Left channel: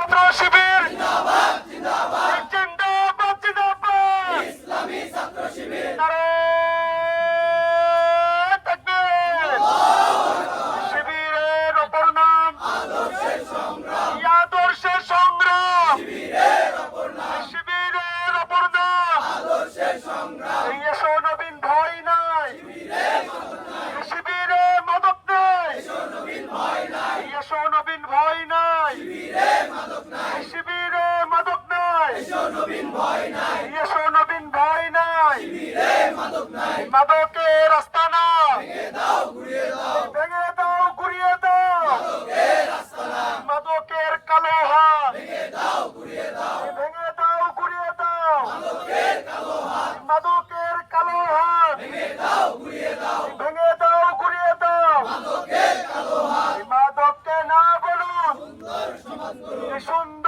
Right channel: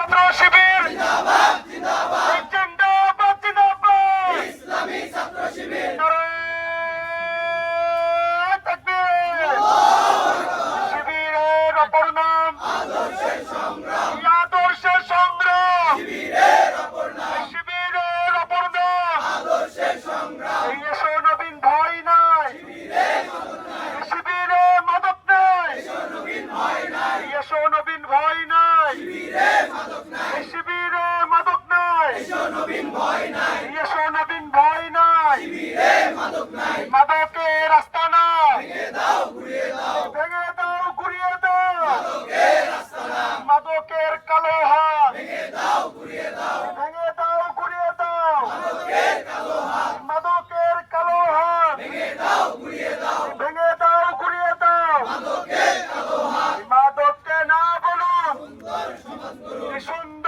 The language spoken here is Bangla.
ছাত্র শিবির জিন্দাবাদ জিন্দাবাদ জিন্দাবাদ জিন্দাবাদ ইসলামী ছাত্র শিবির নারায়ে তাকবীর শিবিরের অপর নাম আদর্শের সংগ্রাম আদর্শের সংগ্রাম শিবিরের অপর নাম আদর্শের সংগ্রাম এসো নবীন ভয় নাই শিবিরে মাদক নাই এসো নবীন ভয় নাই শিবিরে মাদক নাই এসো নবীন ভয় নাই মাদকের রাস্তা না ভেঙে দাও ঘুরিয়ে দাও মাদকের কালো হাত ভেঙে দাও ঘুরিয়ে দাও মাদকের কালো হাত ভেঙে দাও ঘুরিয়ে দাও মাদককে না বলুন সুন্দর